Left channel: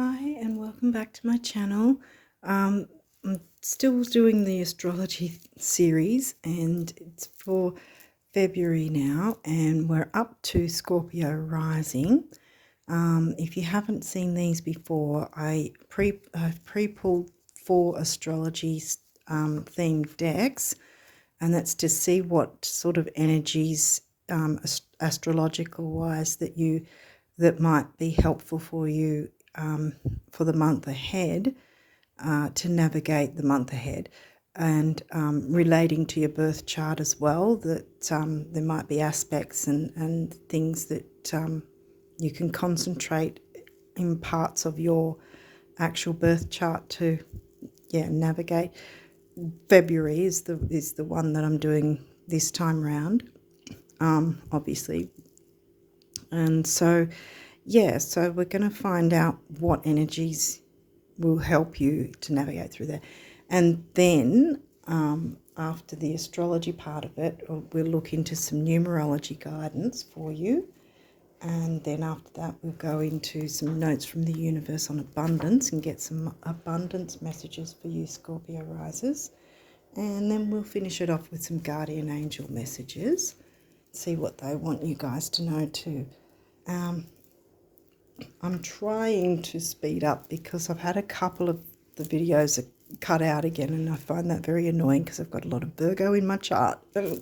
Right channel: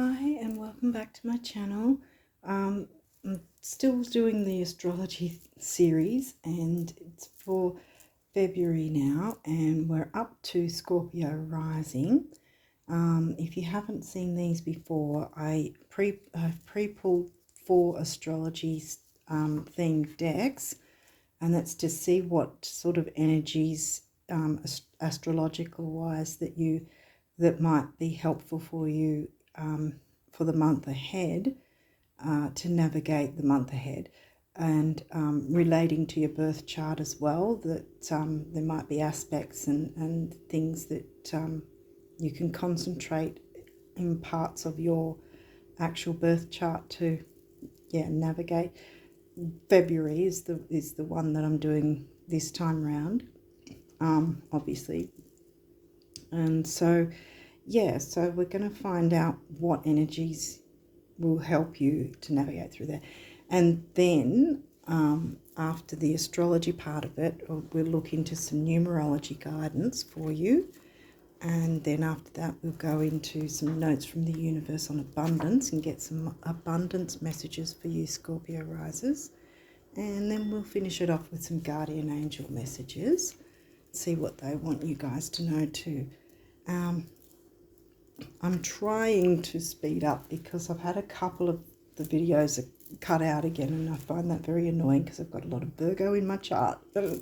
Hi and welcome back to my channel. I'm still doing the astrology series and it's for February now and we're up to Scorpio rising. If you haven't seen these before, I've pre-pulled 4 astrology themed decks, and that's to see what sort of energies astrological wise that might be helpful for you for the month ahead, to navigate the month ahead, and relating to your birth chart as well, that there might be aspects and things that you can concentrate in parts of your actual birth chart to navigate. February is the one that I'm doing this time round, obviously, and so so we're going to find out what energies will help you to navigate through that. And then after the astrology part of it, we'll look into some numerology guidance for you. And then after that, we'll go into some notes from the universe on abundance and get some abundance messages for you Scorpio risers. And then we'll finish it off with some guardian angel messages, see what they want you guys to know too. I'm trying to speed up because I've had a couple of the videos cut out again, and I find that very annoying because I've got a lot of Virgo in my chart. I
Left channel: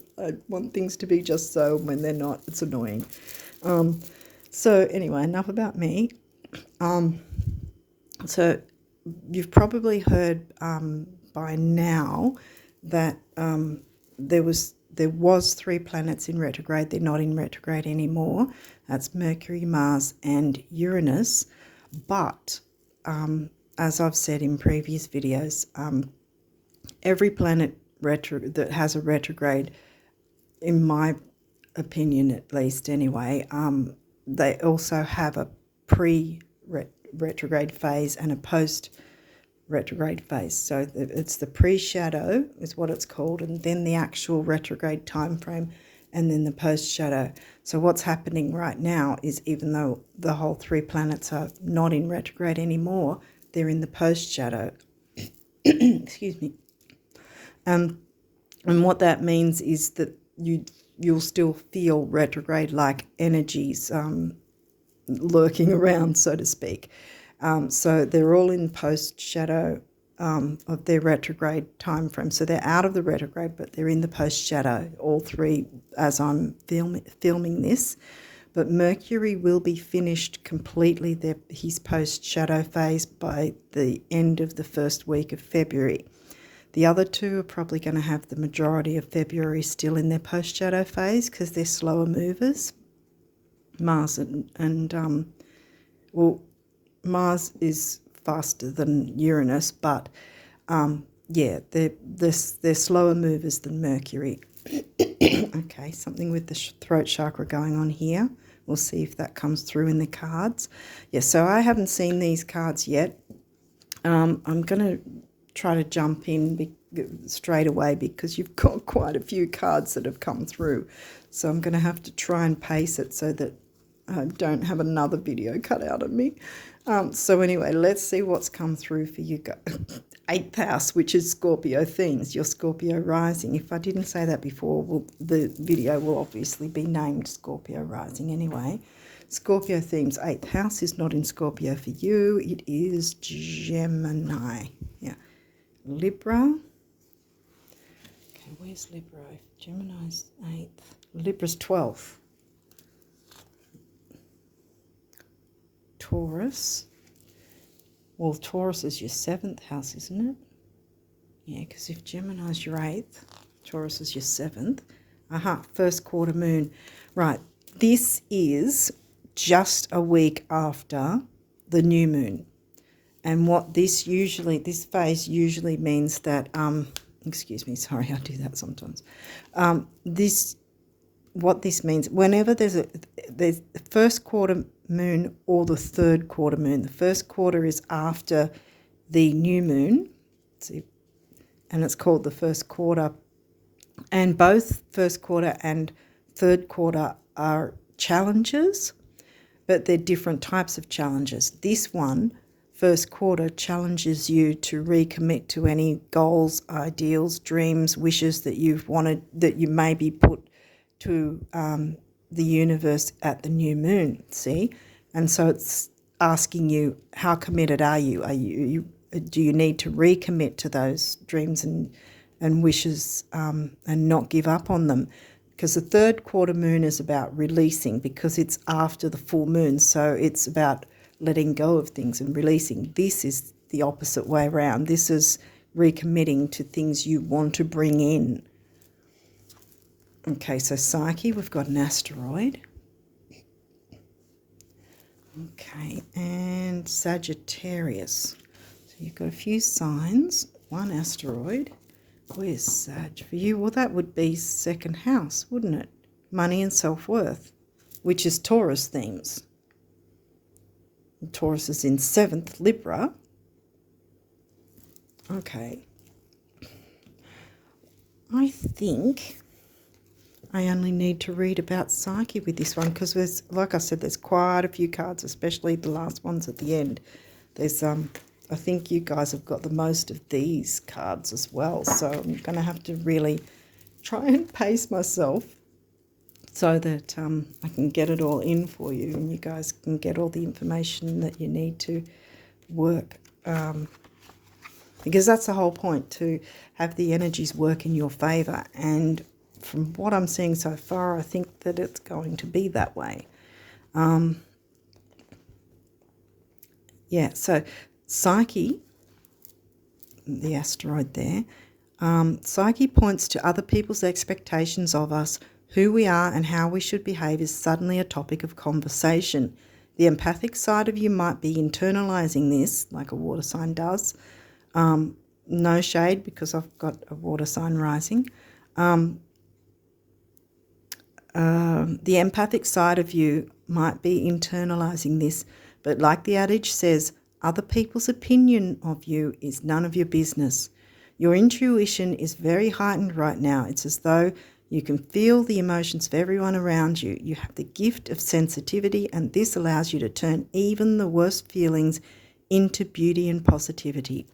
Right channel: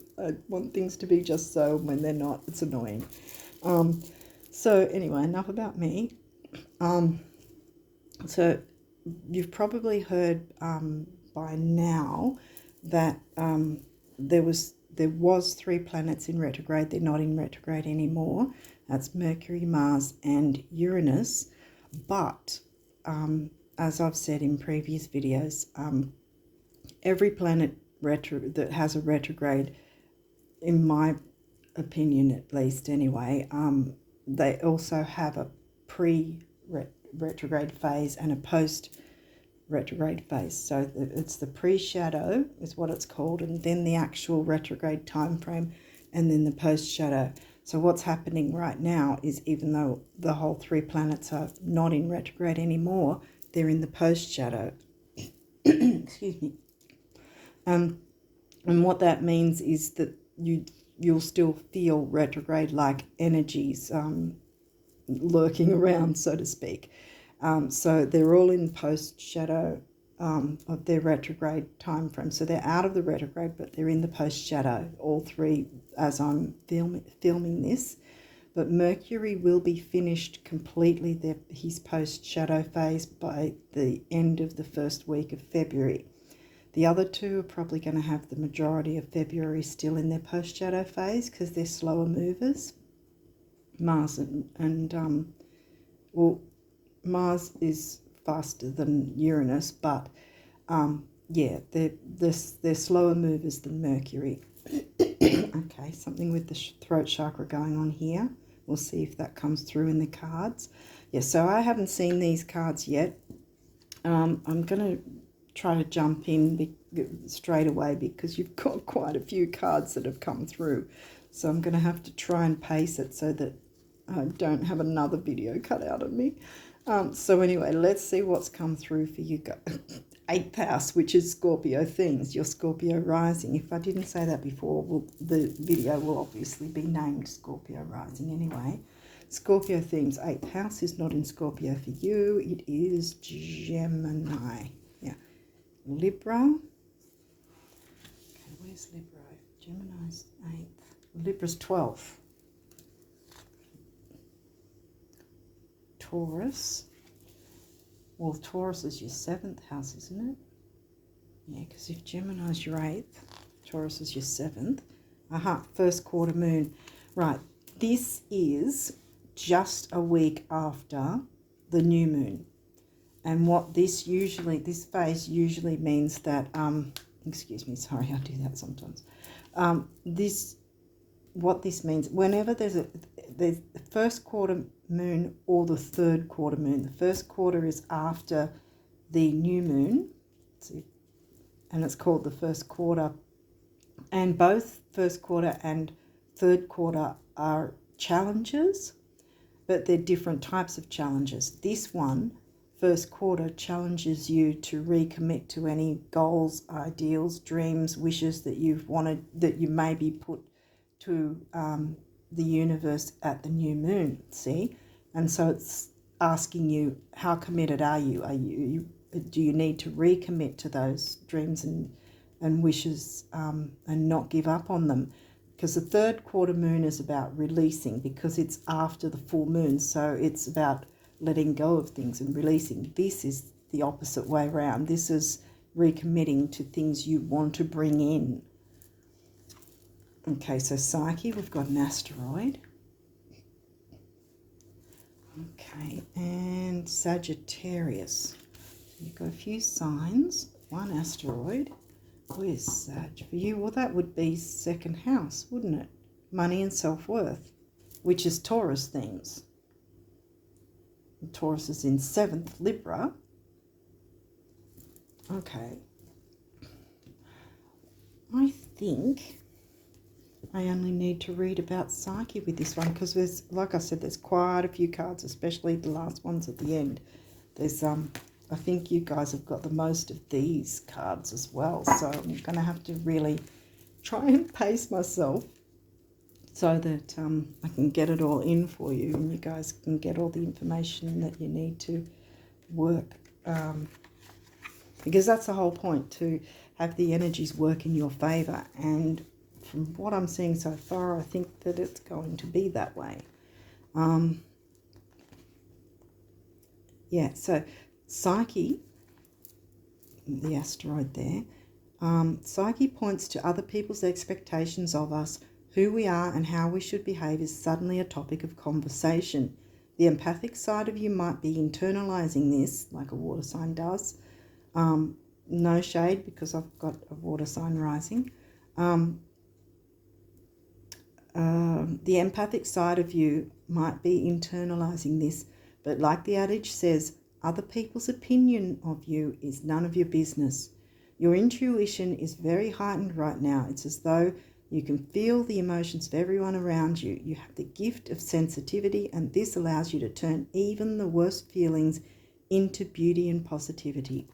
want things to be just so, when they're not, it's annoying. So anyway, enough about me. So you've probably heard by now that there was 3 planets in retrograde. They're not in retrograde anymore. That's Mercury, Mars, and Uranus. But as I've said in previous videos, every planet that has a retrograde, in my opinion at least anyway, they also have a pre-retrograde phase and a post-retrograde phase. So it's the pre-shadow is what it's called, and then the actual retrograde time frame, and then the post-shadow. So what's happening right now is, even though the whole 3 planets are not in retrograde anymore, they're in the post-shadow. Excuse me. And what that means is that you'll still feel retrograde-like energies lurking around, so to speak. So they're all in post-shadow of their retrograde time frame. So they're out of the retrograde, but they're in the post-shadow, all 3, as I'm filming this. But Mercury will be finished completely his post-shadow phase by the end of the first week of February. The other 2 are probably going to have the majority of February still in their post-shadow phase because they're slower movers. Mars and Mars is faster than Uranus, but they're slower movers than Mercury. Okay, something with the throat chakra going on here. We'll see if that comes through in the cards. So I haven't seen these cards yet. I'm going to try to jump in straight away because you've got quite a few cards that have come through. So I'm going to have to try and pace it so that I don't have another video cut out of me. So anyway, let's see what's come through for you guys. 8th house, which is Scorpio themes, your Scorpio rising. If I didn't say that before, the video will obviously be named Scorpio rising anyway. Scorpio themes, 8th house is not in Scorpio for you. It is Gemini. Libra. Okay, where's Libra? Gemini's 8th. Libra's 12th. Taurus. Well, Taurus is your 7th house, isn't it? Yeah, because if Gemini's your 8th, Taurus is your 7th. First quarter moon. Right, this is just a week after the new moon. And what this phase usually means that, excuse me, sorry, I do that sometimes. What this means, whenever there's the first quarter moon or the third quarter moon. The first quarter is after the new moon, and it's called the first quarter. And both first quarter and third quarter are challenges, but they're different types of challenges. This one, first quarter challenges you to recommit to any goals, ideals, dreams, wishes that you've wanted, that you maybe put to the universe at the new moon, see? And so it's asking you, how committed are you? Do you need to recommit to those dreams and wishes and not give up on them? Because the third quarter moon is about releasing, because it's after the full moon, so it's about letting go of things and releasing. This is the opposite way around. This is recommitting to things you want to bring in. Okay, so Psyche, we've got an asteroid. Okay, and Sagittarius. So you've got a few signs, one asteroid. Where's Sag for you? Well, that would be second house, wouldn't it? Money and self-worth, which is Taurus themes. And Taurus is in 7th, Libra. Okay. I think I only need to read about Psyche with this one, because there's, like I said, there's quite a few cards, especially the last ones at the end. There's I think you guys have got the most of these cards as well, so I'm going to have to really try and pace myself so that I can get it all in for you and you guys can get all the information that you need to work, because that's the whole point, to have the energies work in your favour. And from what I'm seeing so far, I think that it's going to be that way. Yeah, so Psyche, the asteroid there, Psyche points to other people's expectations of us, who we are and how we should behave is suddenly a topic of conversation. The empathic side of you might be internalizing this, like a water sign does. No shade, because I've got a water sign rising. The empathic side of you might be internalizing this, but like the adage says, other people's opinion of you is none of your business. Your intuition is very heightened right now. It's as though you can feel the emotions of everyone around you. You have the gift of sensitivity, and this allows you to turn even the worst feelings into beauty and positivity.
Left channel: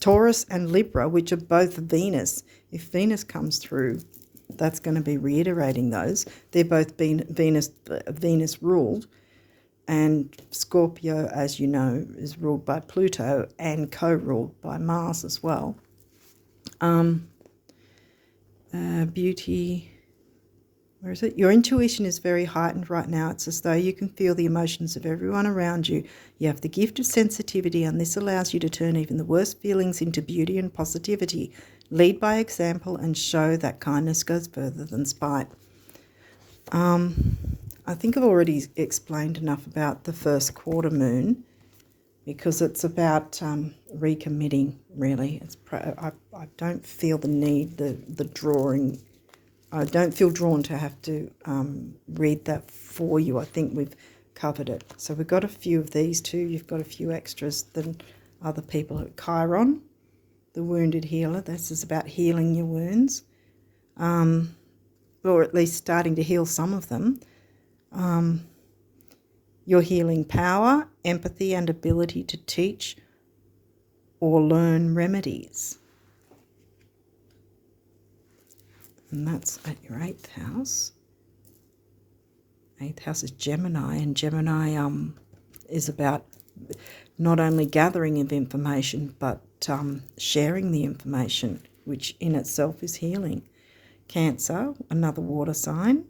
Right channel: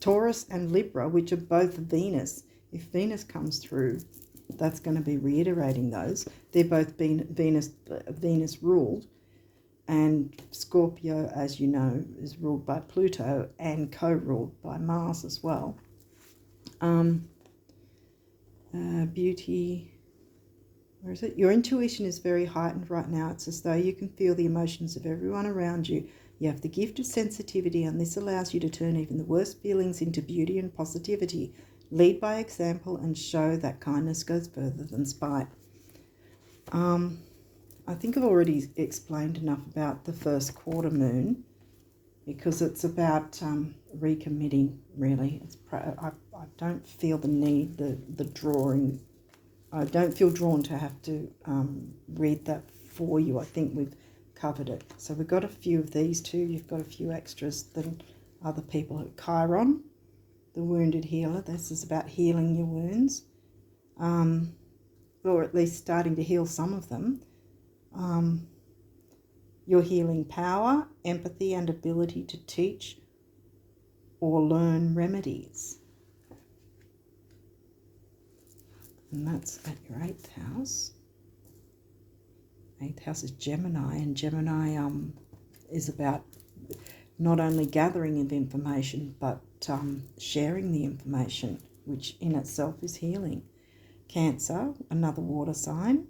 Taurus and Libra, which are both Venus, if Venus comes through, that's going to be reiterating those. They're both Venus ruled. And Scorpio, as you know, is ruled by Pluto and co-ruled by Mars as well. Beauty, where is it? Your intuition is very heightened right now. It's as though you can feel the emotions of everyone around you. You have the gift of sensitivity, and this allows you to turn even the worst feelings into beauty and positivity. Lead by example and show that kindness goes further than spite. I think I've already explained enough about the first quarter moon, because it's about recommitting, really. I don't feel the need, the drawing. I don't feel drawn to have to read that for you. I think we've covered it. So we've got a few of these too. You've got a few extras than other people. Chiron, the wounded healer. This is about healing your wounds, or at least starting to heal some of them. Your healing power, empathy and ability to teach or learn remedies. And that's at your 8th house. 8th house is Gemini, and Gemini is about not only gathering of information but sharing the information, which in itself is healing. Cancer, another water sign.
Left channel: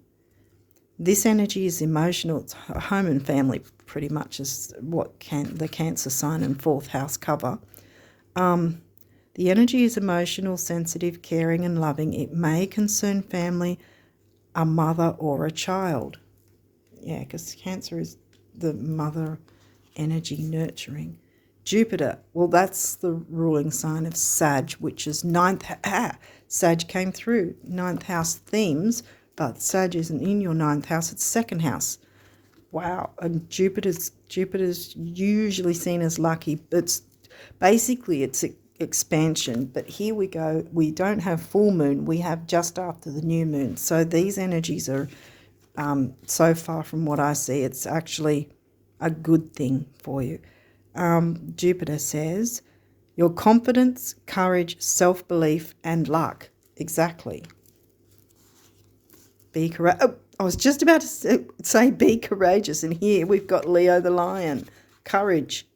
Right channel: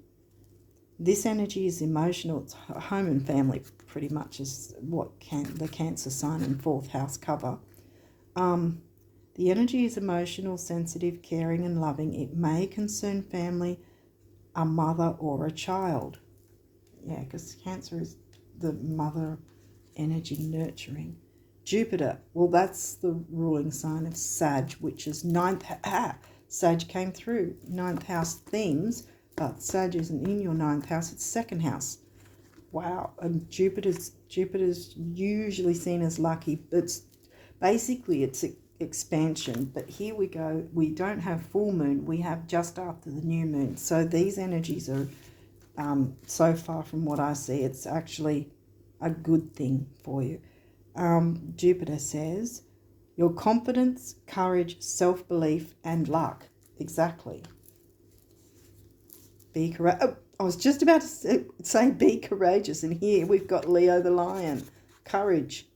This energy is emotional. It's home and family pretty much is what the Cancer sign and 4th house cover. The energy is emotional, sensitive, caring and loving. It may concern family, a mother or a child. Yeah, because Cancer is the mother energy, nurturing. Jupiter, well, that's the ruling sign of Sag, which is 9th. Sag came through. 9th house themes, but Sag isn't in your 9th house, it's 2nd house. Wow, and Jupiter's usually seen as lucky. It's expansion, but here we go. We don't have full moon, we have just after the new moon. So these energies are, so far from what I see, it's actually a good thing for you. Jupiter says, your confidence, courage, self-belief, and luck. Exactly. Be courageous. Oh, I was just about to say be courageous, and here we've got Leo the lion. Courage.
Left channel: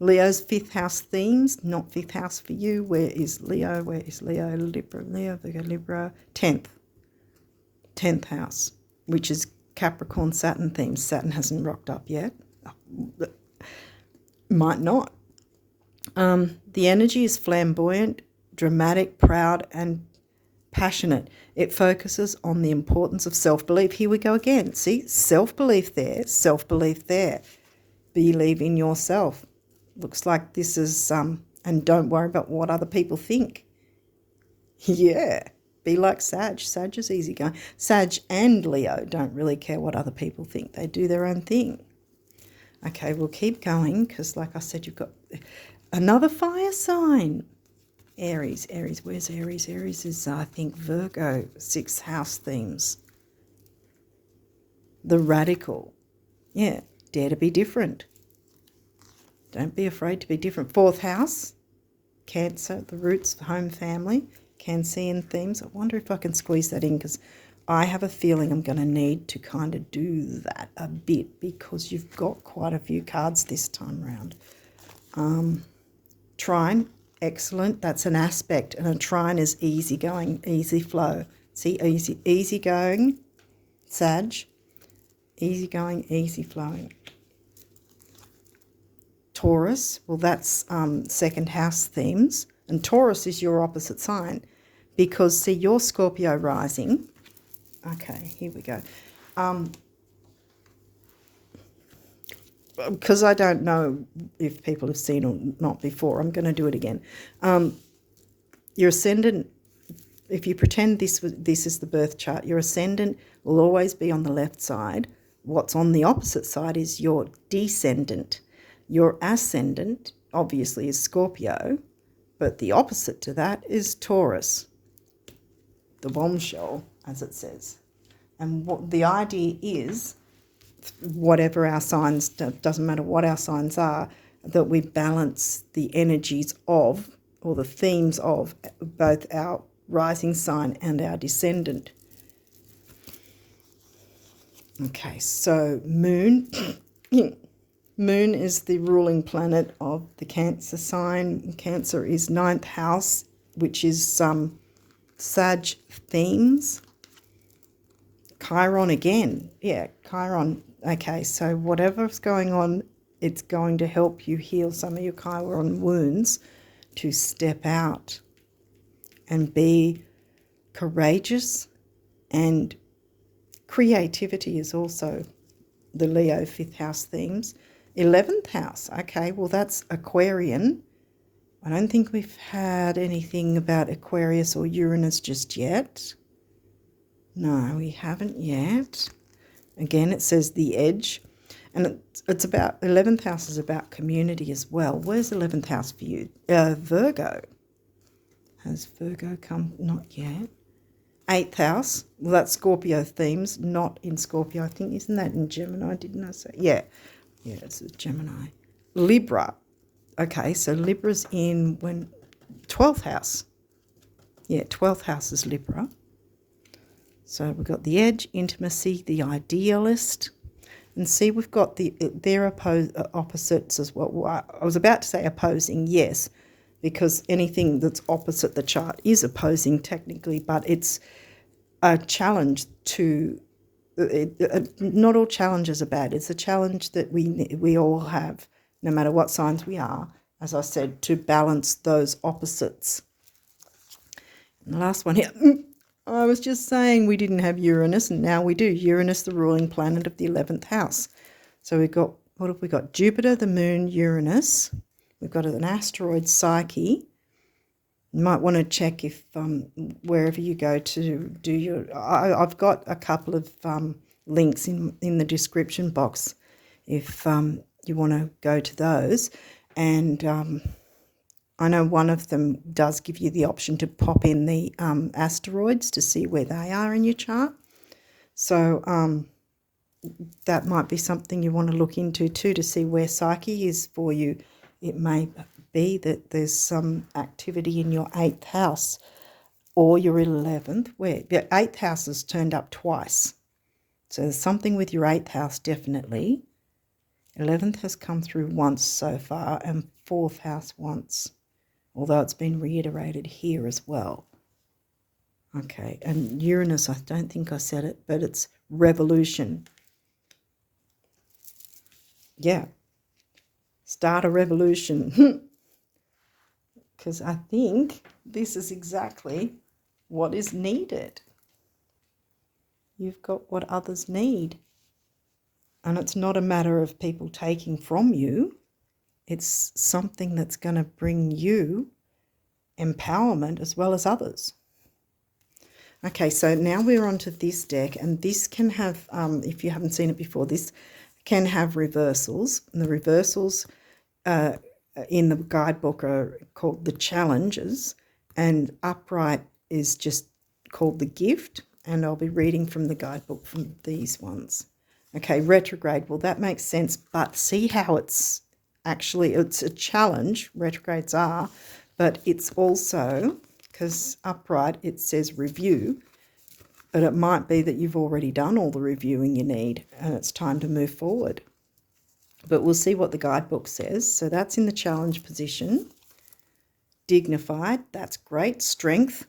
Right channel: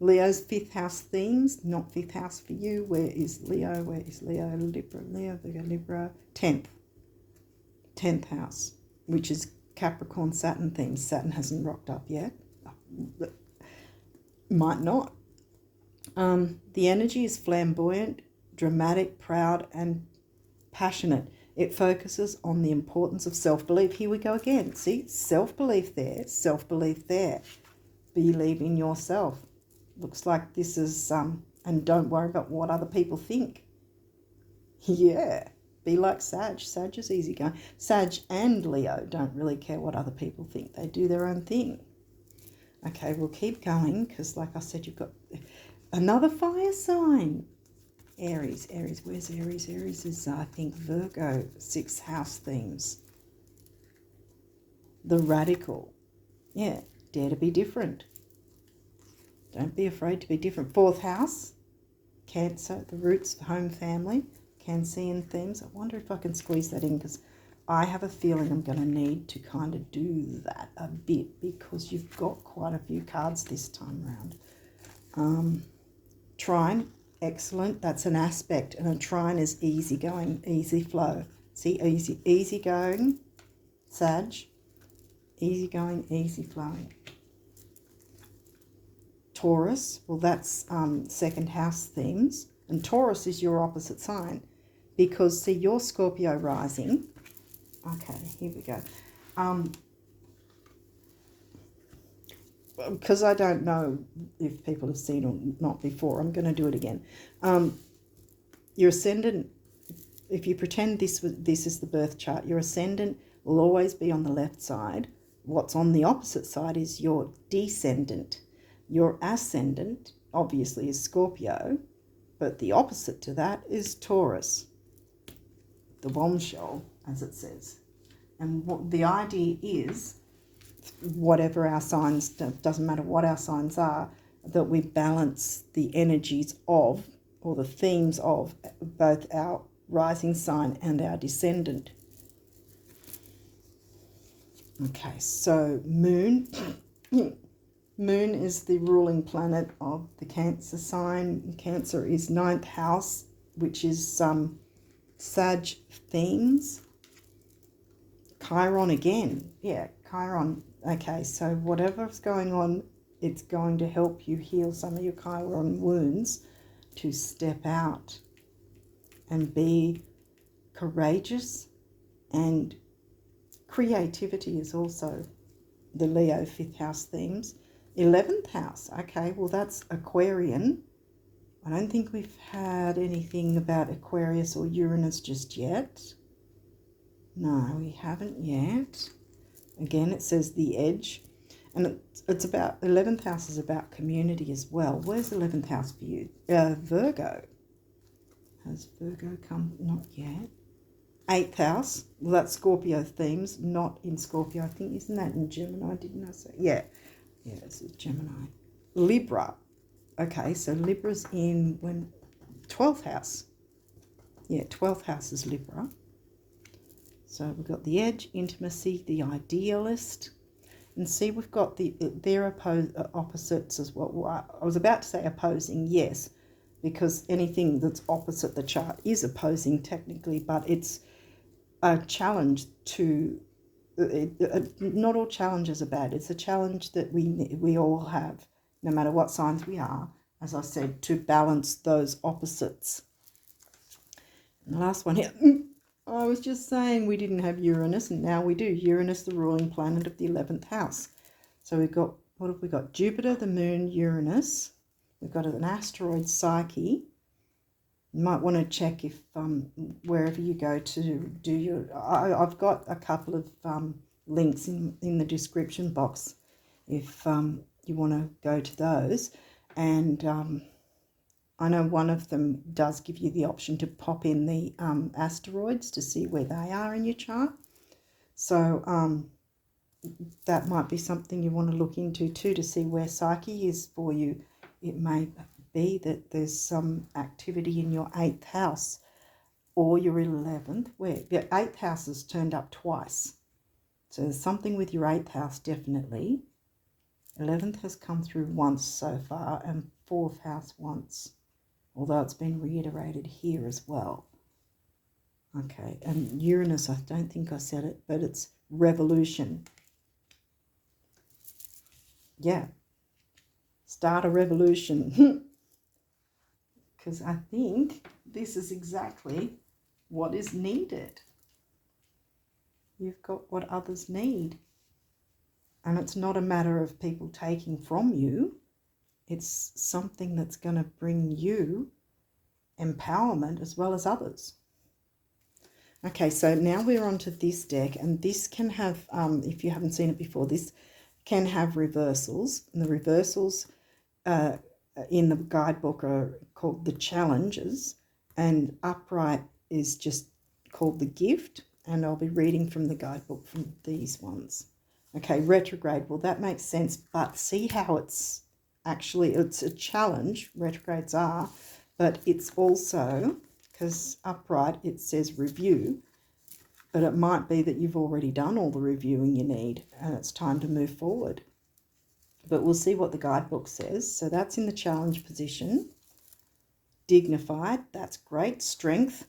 Leo's 5th house themes, not 5th house for you. Where is Leo? Where is Leo? Libra, Leo, Virgo, Libra. 10th house, which is Capricorn, Saturn themes. Saturn hasn't rocked up yet. Might not. The energy is flamboyant, dramatic, proud, and passionate. It focuses on the importance of self-belief. Here we go again. See, self-belief there, self-belief there. Believe in yourself. Looks like this is, and don't worry about what other people think. Yeah, be like Sag. Sag is easygoing. Sag and Leo don't really care what other people think. They do their own thing. Okay, we'll keep going because, like I said, you've got another fire sign. Aries. Aries, where's Aries? Aries is, I think, Virgo, 6th house themes. The radical. Yeah, dare to be different. Don't be afraid to be different. 4th house, Cancer, the roots, home, family, Cancerian themes. I wonder if I can squeeze that in because I have a feeling I'm going to need to kind of do that a bit because you've got quite a few cards this time around. Trine, excellent. That's an aspect, and a trine is easygoing, easy flow. See, easygoing, Sag, easygoing, easy flowing. Taurus, well, that's 2nd house themes, and Taurus is your opposite sign because, see, you're Scorpio rising. Okay, here we go. Because I don't know if people have seen or not before, I'm going to do it again. Your ascendant, if you pretend this is the birth chart, your ascendant will always be on the left side. What's on the opposite side is your descendant. Your ascendant, obviously, is Scorpio, but the opposite to that is Taurus, the bombshell, as it says. And what the idea is, whatever our signs, doesn't matter what our signs are, that we balance the energies of, or the themes of, both our rising sign and our descendant. Okay, so Moon. Moon is the ruling planet of the Cancer sign. Cancer is 9th house, which is Sag themes. Chiron again. Yeah, Chiron. Okay, so whatever's going on, it's going to help you heal some of your Chiron wounds to step out and be courageous. And creativity is also the Leo 5th house themes. 11th house, okay, well, that's Aquarian. I don't think we've had anything about Aquarius or Uranus just yet. No, we haven't yet. Again, it says the edge. And it's about, 11th house is about community as well. Where's 11th house for you? Virgo. Has Virgo come? Not yet. 8th house, well, that's Scorpio themes, not in Scorpio. I think, isn't that in Gemini? Didn't I say? Yeah. Yeah, it's a Gemini. Libra. Okay, so Libra's in 12th house. Yeah, 12th house is Libra. So we've got the edge, intimacy, the idealist. And see, we've got their opposites as well. I was about to say opposing, yes, because anything that's opposite the chart is opposing technically, but it's a challenge to... not all challenges are bad. It's a challenge that we all have, no matter what signs we are, as I said, to balance those opposites. And the last one here, I was just saying we didn't have Uranus, and now we do. Uranus, the ruling planet of the 11th house. So we've got, what have we got? Jupiter, the moon, Uranus. We've got an asteroid, Psyche. You might want to check if wherever you go to do your... I've got a couple of links in the description box if you want to go to those. And I know one of them does give you the option to pop in the asteroids to see where they are in your chart. So that might be something you want to look into too, to see where Psyche is for you. It may be that there's some activity in your 8th house or your 11th, where your 8th house has turned up twice. So there's something with your 8th house, definitely. 11th has come through once so far, and 4th house once, although it's been reiterated here as well. Okay, and Uranus, I don't think I said it, but it's revolution. Yeah, start a revolution. Because I think this is exactly what is needed. You've got what others need. And it's not a matter of people taking from you. It's something that's going to bring you empowerment as well as others. Okay, so now we're onto this deck, and this can have, if you haven't seen it before, this can have reversals. And the reversals in the guidebook are called the challenges, and upright is just called the gift, and I'll be reading from the guidebook from these ones. Okay, retrograde, well, that makes sense, but see how it's actually, it's a challenge, retrogrades are, but it's also, because upright, it says review, but it might be that you've already done all the reviewing you need and it's time to move forward. But we'll see what the guidebook says. So that's in the challenge position. Dignified, that's great. Strength,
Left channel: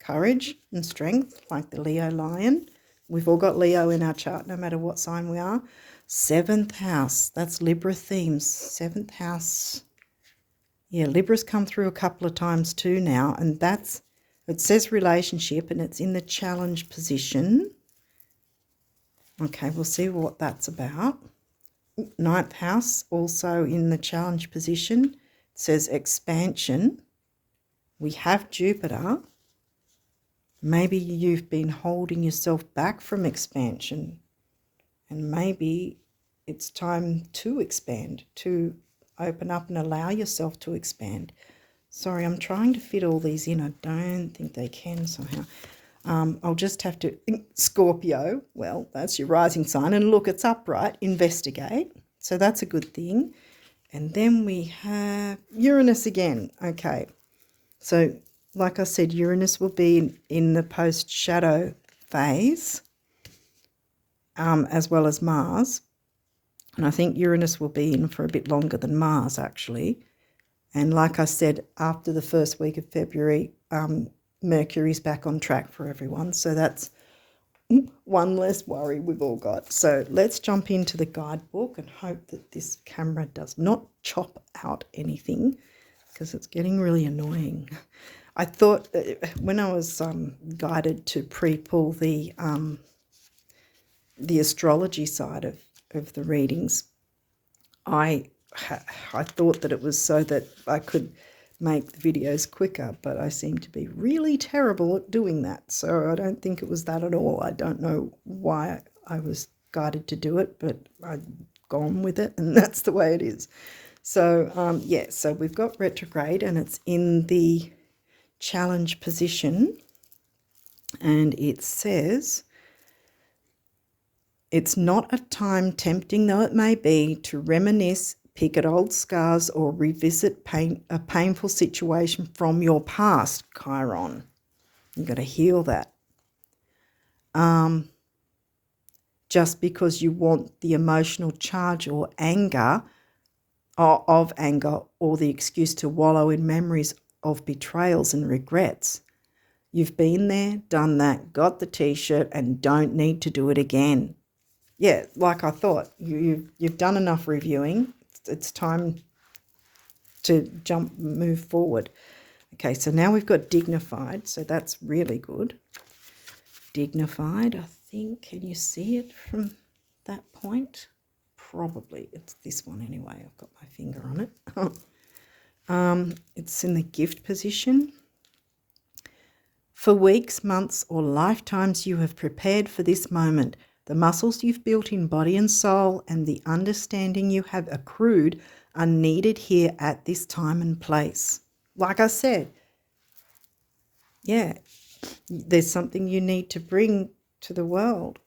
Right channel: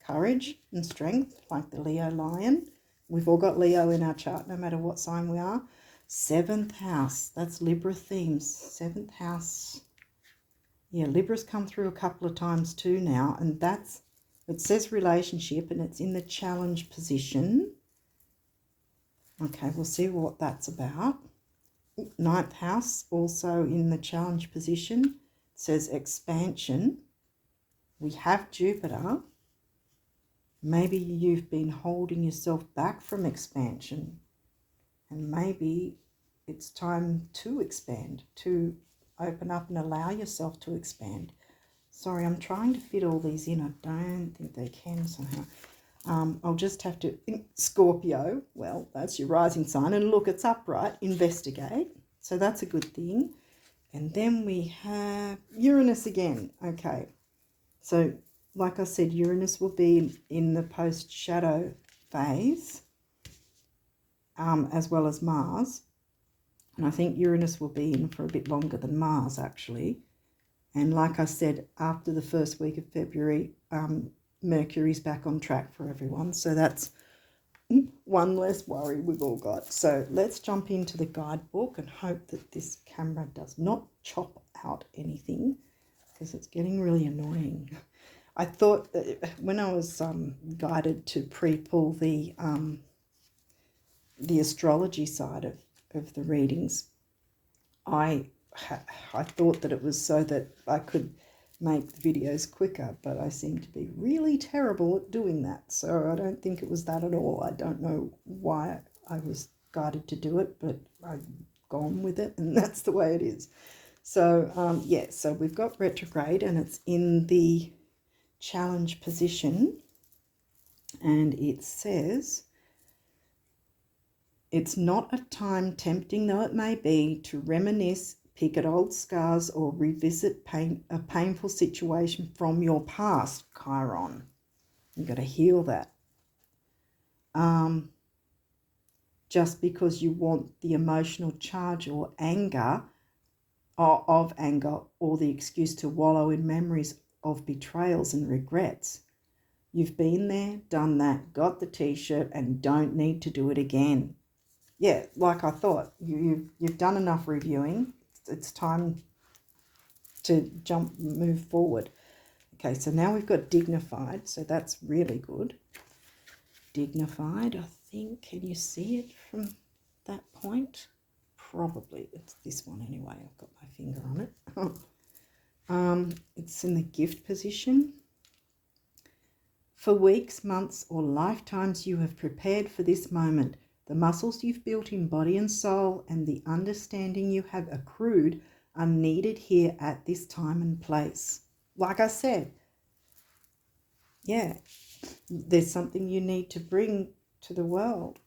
courage and strength, like the Leo lion. We've all got Leo in our chart, no matter what sign we are. 7th house, that's Libra themes. 7th house. Yeah, Libra's come through a couple of times too now, and that's, it says relationship, and it's in the challenge position. Okay, we'll see what that's about. 9th house, also in the challenge position. It says expansion. We have Jupiter. Maybe you've been holding yourself back from expansion, and maybe it's time to expand, to open up and allow yourself to expand. Sorry, I'm trying to fit all these in. I don't think they can somehow. I'll just have to, Scorpio, well, that's your rising sign. And look, it's upright, investigate. So that's a good thing. And then we have Uranus again. Okay, so like I said, Uranus will be in the post-shadow phase, as well as Mars. And I think Uranus will be in for a bit longer than Mars, actually. And like I said, after the first week of February, Mercury's back on track for everyone. So that's one less worry we've all got. So let's jump into the guidebook and hope that this camera does not chop out anything, because it's getting really annoying. I thought when I was guided to pre-pull the astrology side of the readings, I thought that it was so that I could make the videos quicker, but I seem to be really terrible at doing that. So I don't think it was that at all. I don't know why I was guided to do it, but I've gone with it, and that's the way it is. So yeah, so we've got retrograde, and it's in the challenge position, and it says, it's not a time, tempting though it may be, to reminisce, pick at old scars, or revisit a painful situation from your past, Chiron. You've got to heal that. Just because you want the emotional charge or anger of anger, or the excuse to wallow in memories of betrayals and regrets. You've been there, done that, got the t-shirt, and don't need to do it again. Yeah, like I thought, you've done enough reviewing. It's time to move forward. Okay, so now we've got dignified, so that's really good. Dignified, I think, can you see it from that point? Probably, it's this one anyway. I've got my finger on it. It's in the gift position. For weeks, months, or lifetimes you have prepared for this moment. The muscles you've built in body and soul and the understanding you have accrued are needed here at this time and place. Like I said, yeah, there's something you need to bring to the world.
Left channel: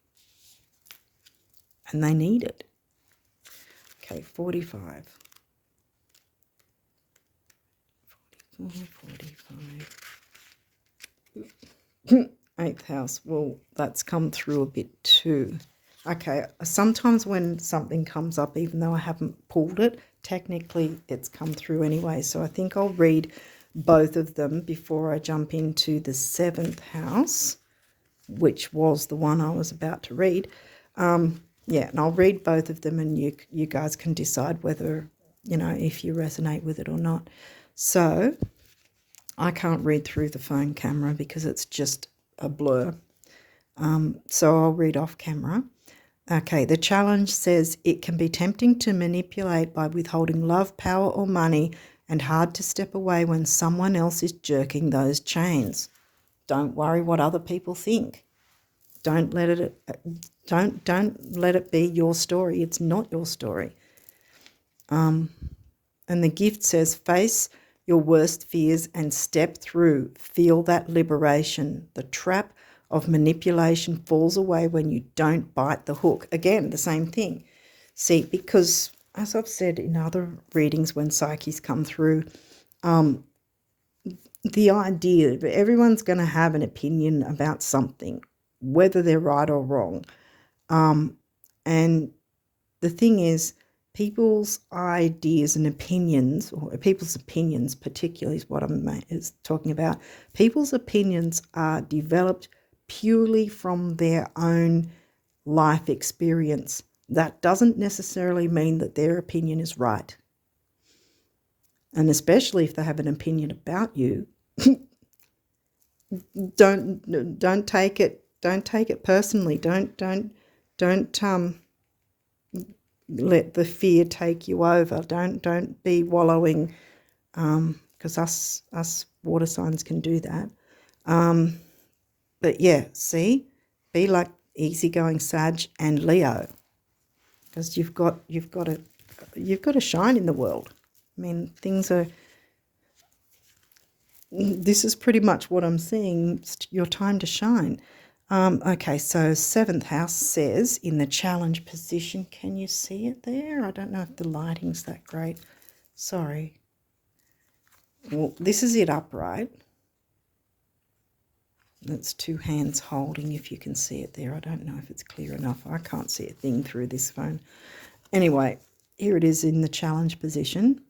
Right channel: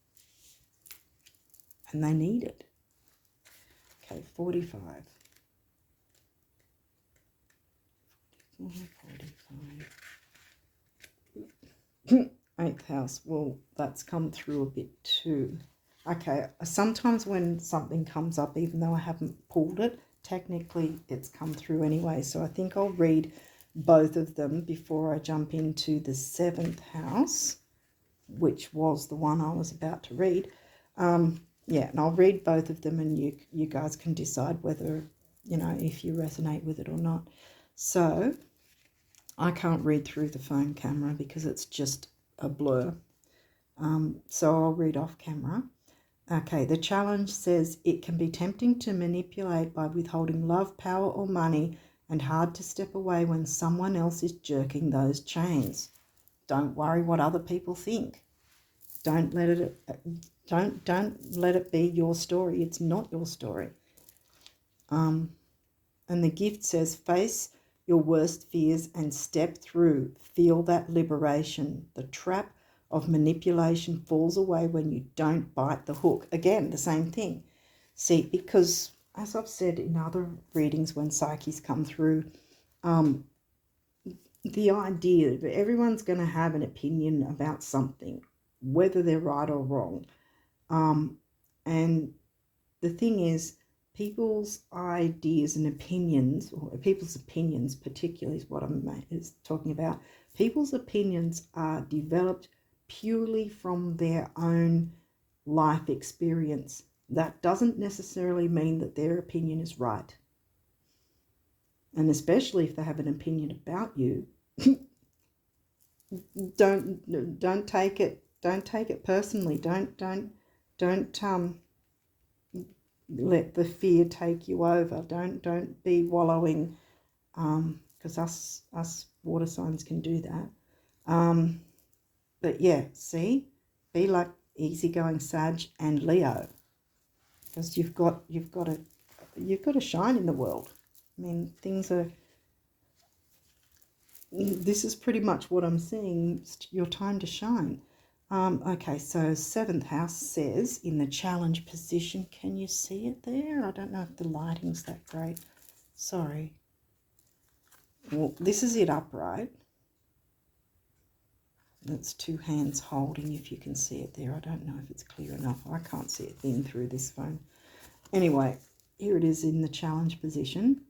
and they need it. Okay, 45. 45. 8th house. Well, that's come through a bit too. Okay, sometimes when something comes up, even though I haven't pulled it, technically it's come through anyway. So I think I'll read both of them before I jump into the 7th house, which was the one I was about to read. Yeah, and I'll read both of them, and you guys can decide whether, if you resonate with it or not. So I can't read through the phone camera because it's just a blur. So I'll read off camera. Okay, the challenge says it can be tempting to manipulate by withholding love, power, or money, and hard to step away when someone else is jerking those chains. Don't worry what other people think. Don't let it be your story. It's not your story. And the gift says, face your worst fears and step through. Feel that liberation. The trap of manipulation falls away when you don't bite the hook. Again, the same thing. See, because as I've said in other readings when psyches come through, the idea that everyone's going to have an opinion about something, whether they're right or wrong. And the thing is, people's ideas and opinions, or people's opinions particularly is what I'm talking about, people's opinions are developed purely from their own life experience. That doesn't necessarily mean that their opinion is right. And especially if they have an opinion about you, don't take it personally. Don't let the fear take you over. Don't be wallowing, because us water signs can do that. But yeah, see, be like easygoing Sag and Leo, because you've got to shine in the world. I mean, this is pretty much what I'm seeing. It's your time to shine. Okay, so 7th house says in the challenge position, can you see it there? I don't know if the lighting's that great. Sorry. Well, this is it upright. That's 2 hands holding, if you can see it there. I don't know if it's clear enough. I can't see a thing through this phone. Anyway, here it is in the challenge position.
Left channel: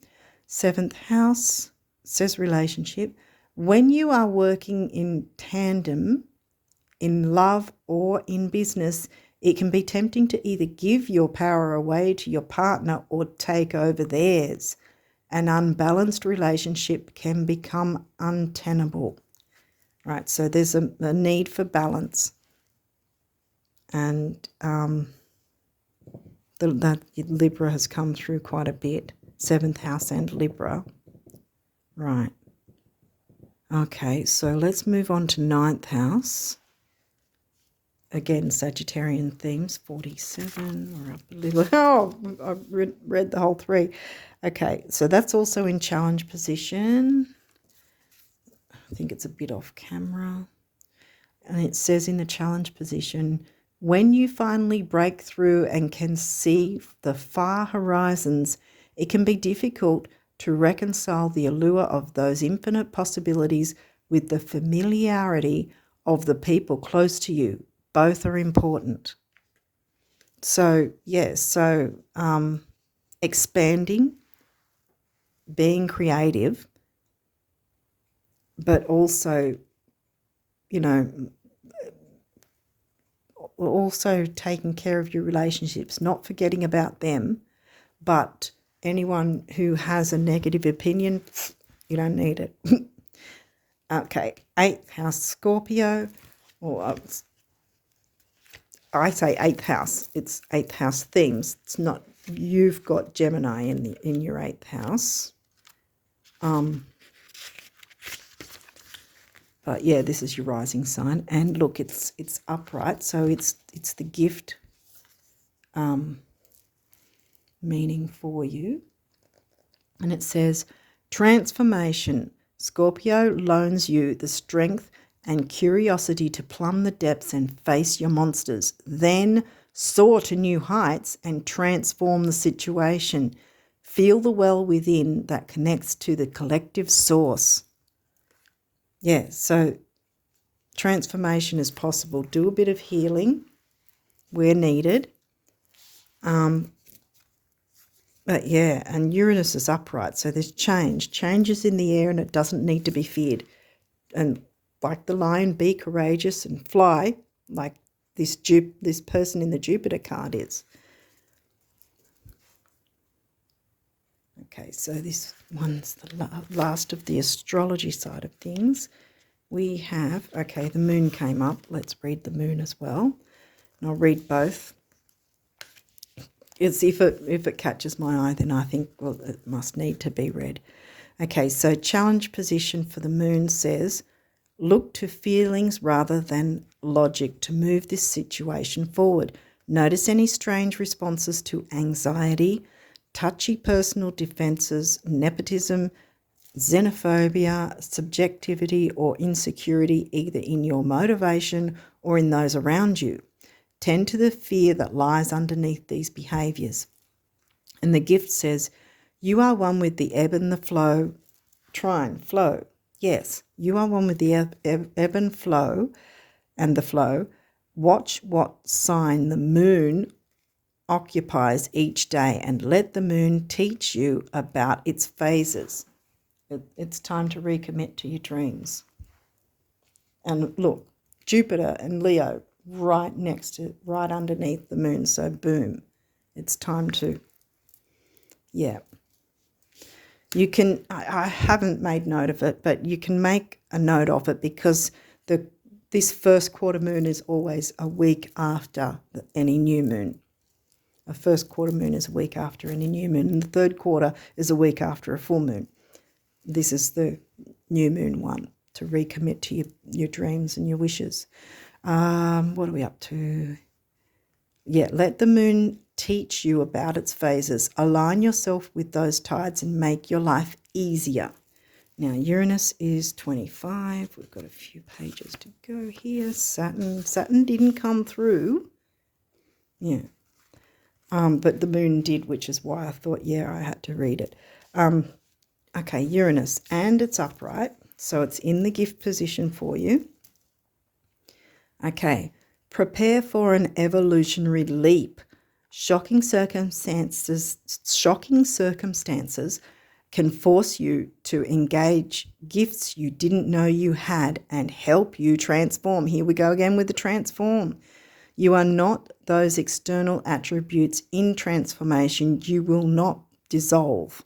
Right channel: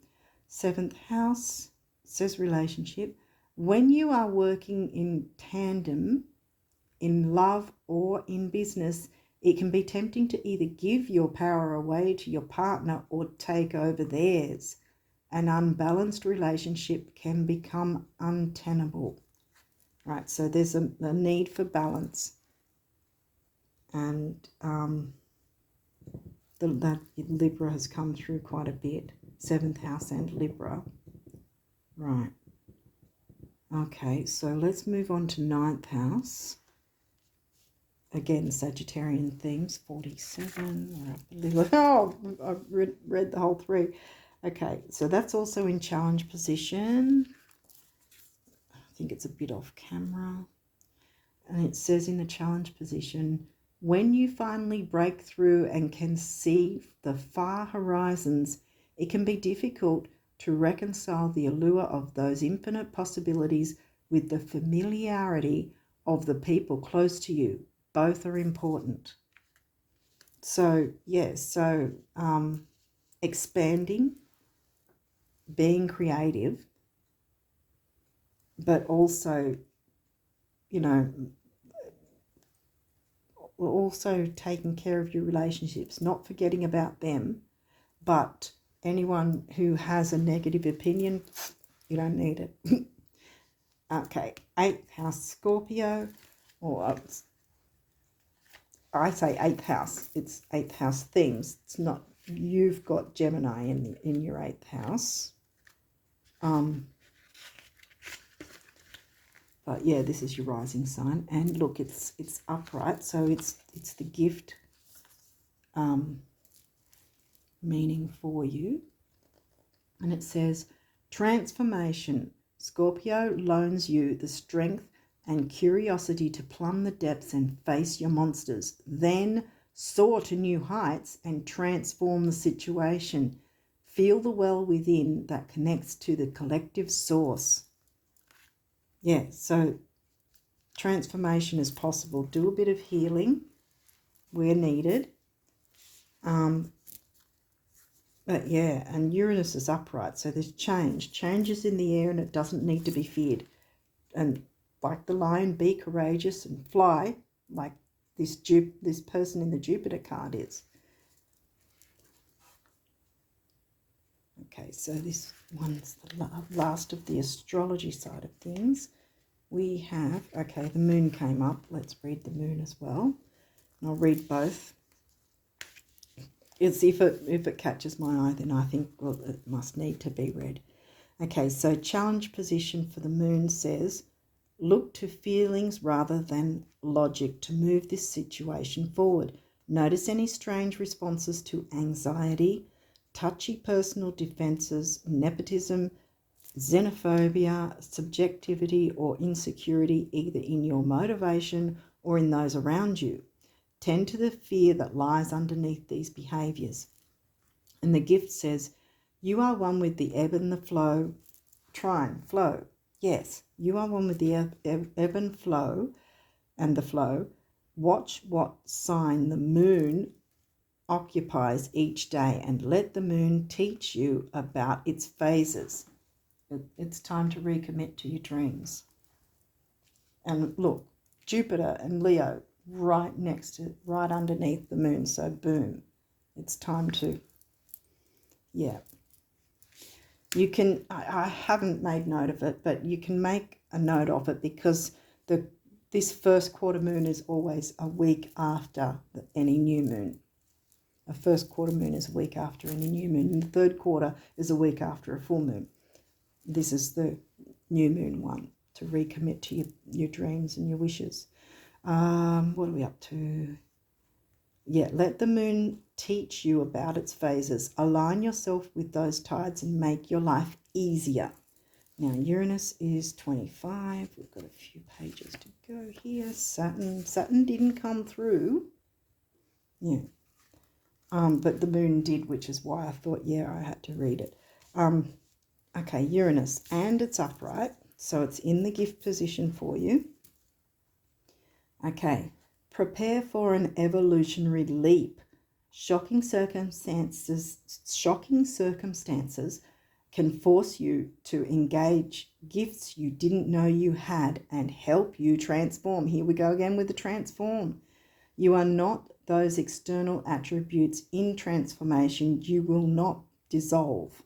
7th house says relationship. When you are working in tandem, in love or in business, it can be tempting to either give your power away to your partner or take over theirs. An unbalanced relationship can become untenable. Right, so there's a need for balance. And that Libra has come through quite a bit. 7th house and Libra. Right. Okay, so let's move on to 9th house. Again, Sagittarian themes, 47. We're up a little. Oh, I've read the whole 3. Okay, so that's also in challenge position. I think it's a bit off camera. And it says in the challenge position, when you finally break through and can see the far horizons, it can be difficult to reconcile the allure of those infinite possibilities with the familiarity of the people close to you. Both are important. So, yes, expanding, being creative, but also, also taking care of your relationships, not forgetting about them, but anyone who has a negative opinion, you don't need it. Okay, 8th house Scorpio, or I say 8th house, it's 8th house themes. It's not, you've got Gemini in your 8th house. But yeah, this is your rising sign, and look, it's upright, so it's the gift meaning for you. And it says, transformation. Scorpio loans you the strength and curiosity to plumb the depths and face your monsters. Then soar to new heights and transform the situation. Feel the well within that connects to the collective source. Yeah, so transformation is possible. Do a bit of healing where needed. But yeah, and Uranus is upright, so there's change. Change is in the air and it doesn't need to be feared. And like the lion, be courageous and fly like this person in the Jupiter card is. Okay, so this one's the last of the astrology side of things. We have, okay, the moon came up. Let's read the moon as well. And I'll read both. It's if it catches my eye, then I think, well, it must need to be read. Okay, so challenge position for the moon says, look to feelings rather than logic to move this situation forward. Notice any strange responses to anxiety, touchy personal defenses, nepotism, xenophobia, subjectivity or insecurity either in your motivation or in those around you. Tend to the fear that lies underneath these behaviours. And the gift says, you are one with the ebb and the flow. Trine, flow. Yes, you are one with the ebb and flow and the flow. Watch what sign the moon occupies each day and let the moon teach you about its phases. It's time to recommit to your dreams. And look, Jupiter and Leo right underneath the moon. So boom, it's time to, yeah. You can, I haven't made note of it, but you can make a note of it because this first quarter moon is always a week after any new moon. A first quarter moon is a week after any new moon, and the third quarter is a week after a full moon. This is the new moon one, to recommit to your dreams and your wishes. What are we up to? Yeah, let the moon teach you about its phases. Align yourself with those tides and make your life easier. Now, Uranus is 25. We've got a few pages to go here. Saturn didn't come through. Yeah. But the moon did, which is why I thought, yeah, I had to read it. Okay, Uranus, and it's upright, so it's in the gift position for you. Okay, prepare for an evolutionary leap. Shocking circumstances can force you to engage gifts you didn't know you had and help you transform. Here we go again with the transform. You are not those external attributes in transformation. You will not dissolve.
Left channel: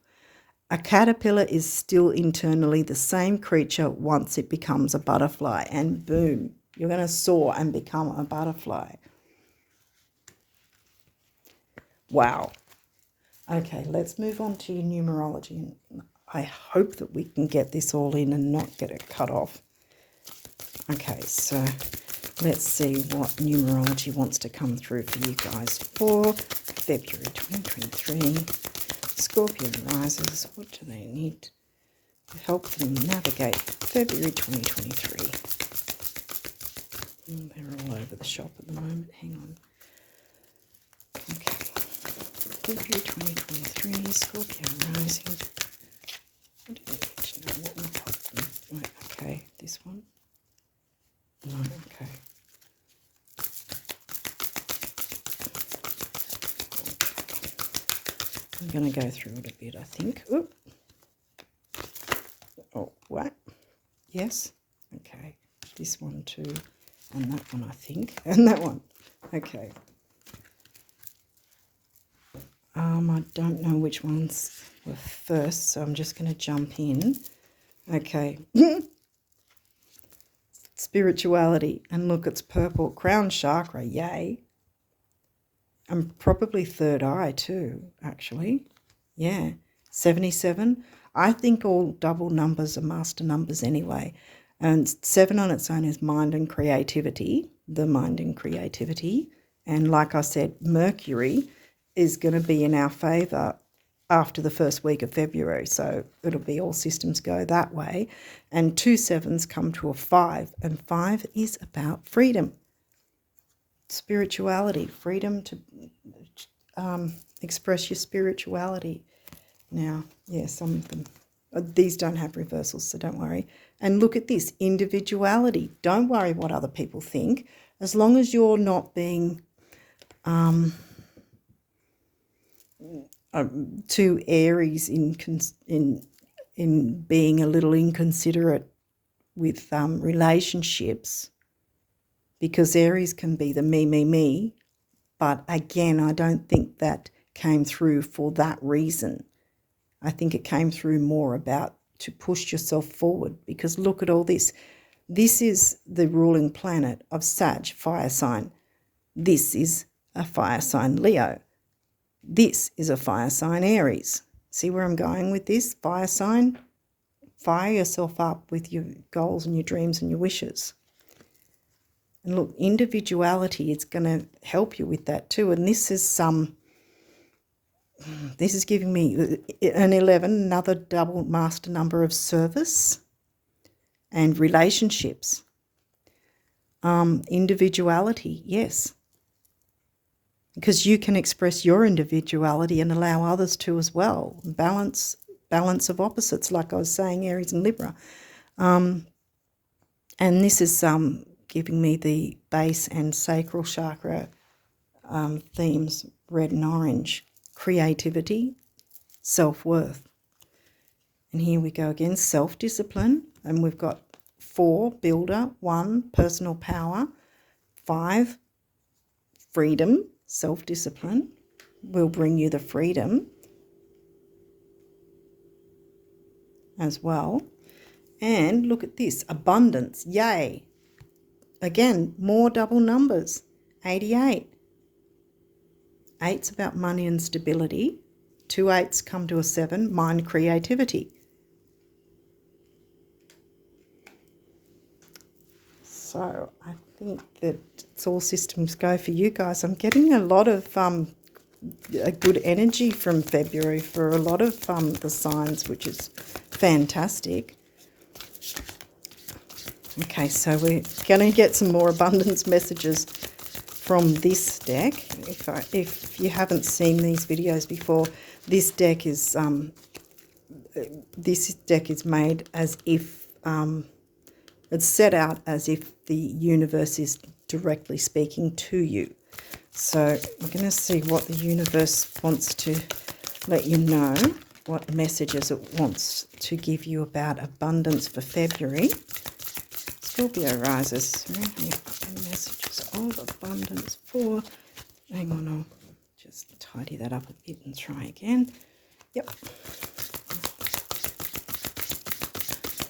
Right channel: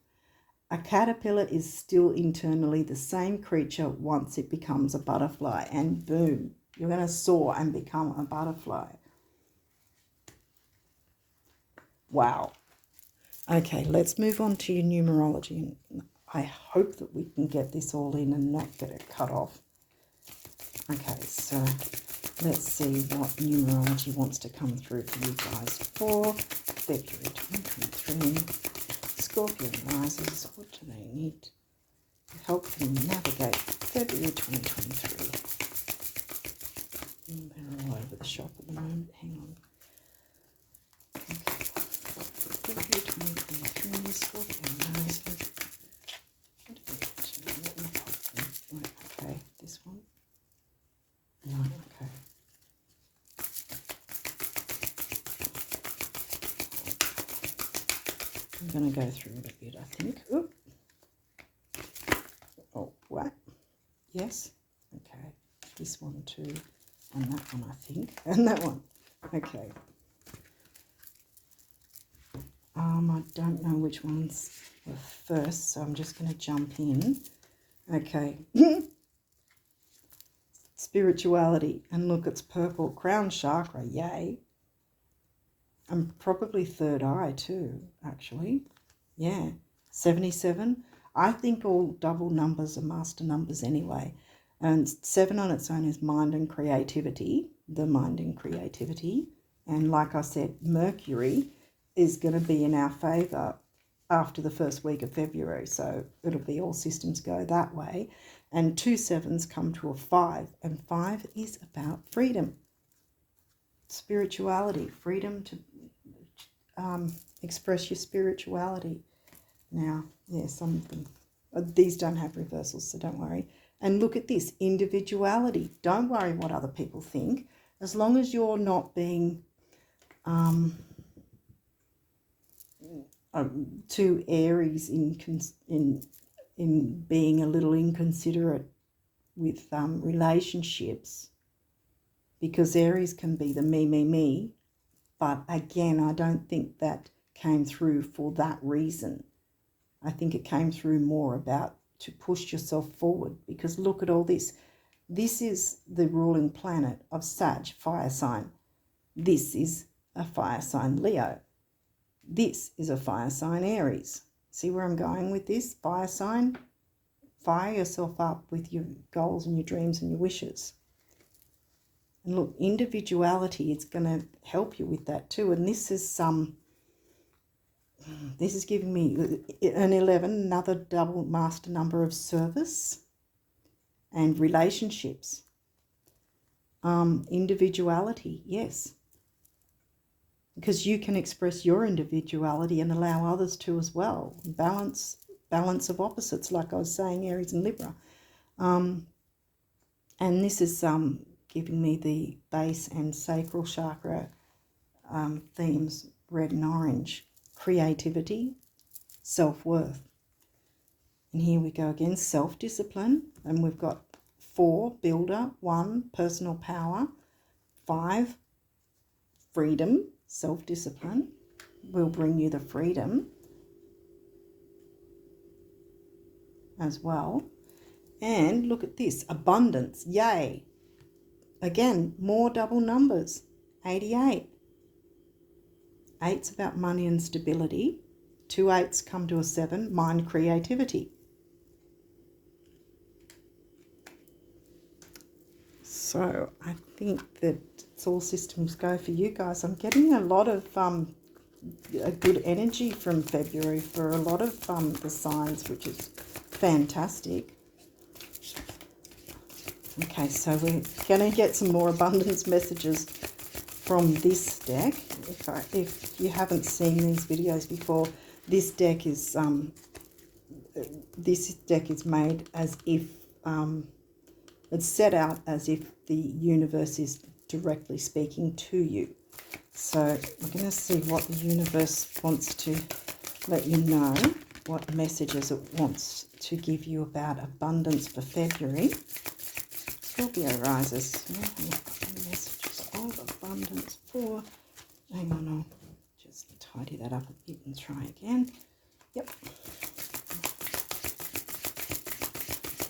A caterpillar is still internally the same creature once it becomes a butterfly, and boom, you're going to soar and become a butterfly. Wow. Okay, let's move on to your numerology. And I hope that we can get this all in and not get it cut off. Okay, so let's see what numerology wants to come through for you guys for February 2023. Scorpio risers, what do they need to help them navigate February 2023? They're all over the shop at the moment. Hang on. Okay. February 2023, Scorpio rising. What do they need to know? Okay, this one. Okay. I'm going to go through it a bit, I think. Oop. Oh, what? Yes. Okay. This one too. And that one, I think. And that one. Okay. I don't know which ones were first, so I'm just going to jump in. Okay. Spirituality. And look, it's purple. Crown chakra. Yay. And probably third eye too, actually. Yeah. 77. I think all double numbers are master numbers anyway. And 7 on its own is mind and creativity, the mind and creativity. And like I said, Mercury is going to be in our favour after the first week of February. So it'll be all systems go that way. And 2 7s come to a 5. And 5 is about freedom. spirituality, freedom to express your spirituality. Now, yeah, some of them, these don't have reversals, so don't worry. And look at this, individuality. Don't worry what other people think, as long as you're not being too Aries in being a little inconsiderate with relationships, because Aries can be the me. But again, I don't think that came through for that reason. I think it came through more about to push yourself forward, because look at all this. This is the ruling planet of Sag, fire sign. This is a fire sign, Leo. This is a fire sign, Aries. See where I'm going with this? Fire sign. Fire yourself up with your goals and your dreams and your wishes. And look, individuality is going to help you with that too. And this is giving me an 11, another double master number of service and relationships. Individuality, yes. Because you can express your individuality and allow others to as well. Balance of opposites, like I was saying, Aries and Libra. And this is giving me the base and sacral chakra themes, red and orange. Creativity, self-worth. And here we go again, self-discipline. And we've got 4, builder, 1, personal power, 5, freedom, self-discipline will bring you the freedom as well. And look at this, abundance, yay. Again, more double numbers, 88. 8's about money and stability. 2 8s come to a 7, mind, creativity. So I think that it's all systems go for you guys. I'm getting a lot of a good energy from February for a lot of the signs, which is fantastic. Okay, so we're going to get some more abundance messages from this deck. If you haven't seen these videos before, this deck is made as if it's set out as if the universe is directly speaking to you. So we're going to see what the universe wants to let you know, what messages it wants to give you about abundance for February. Scorpio rises. Messages of abundance for... Hang on, I'll just tidy that up a bit and try again. Yep.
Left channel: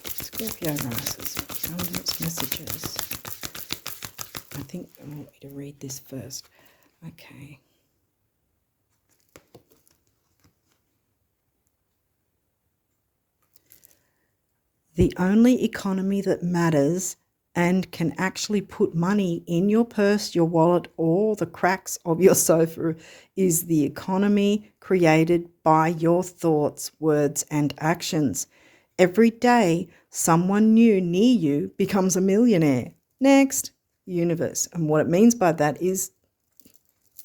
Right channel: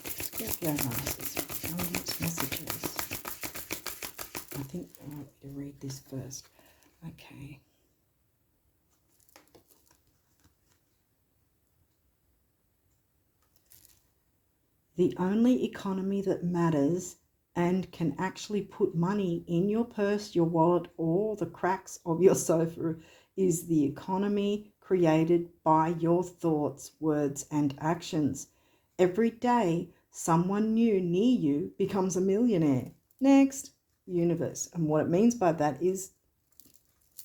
Scorpio rises. Abundance messages. I think I want me to read this first. Okay. The only economy that matters and can actually put money in your purse, your wallet, or the cracks of your sofa is the economy created by your thoughts, words, and actions. Every day, someone new near you becomes a millionaire. Next, universe. And what it means by that is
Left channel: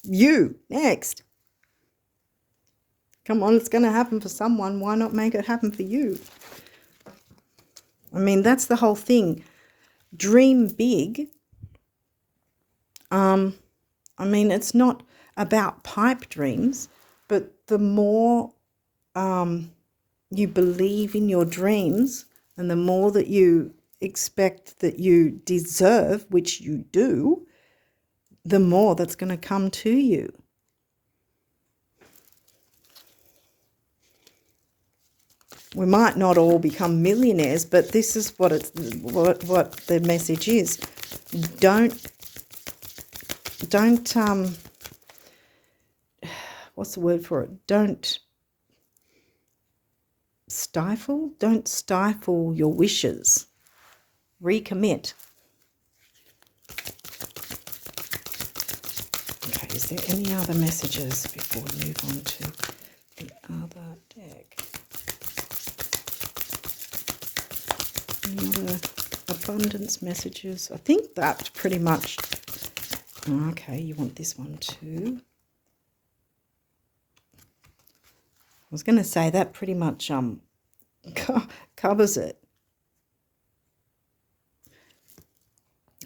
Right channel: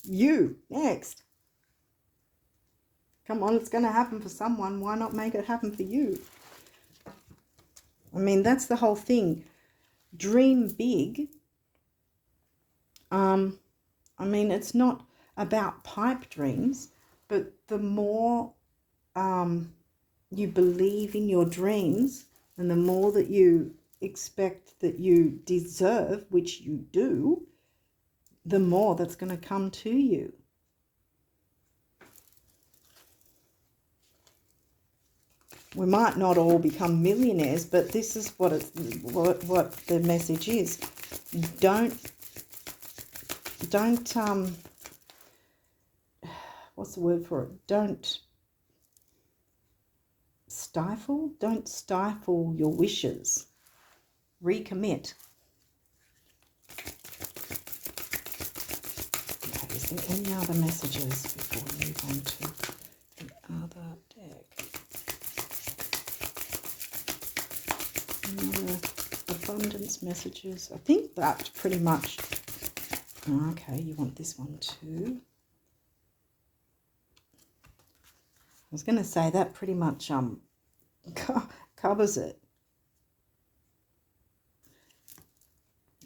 you. Next. Come on, it's going to happen for someone. Why not make it happen for you? I mean, that's the whole thing. Dream big. I mean, it's not about pipe dreams, but the more you believe in your dreams and the more that you expect that you deserve, which you do, the more that's going to come to you. We might not all become millionaires, but this is what the message is. Don't what's the word for it? Don't stifle your wishes. Recommit. Okay, is there any other messages before we move on to the other deck? Any other abundance messages? I think that pretty much Okay, you want this one too. I was going to say that pretty much covers it.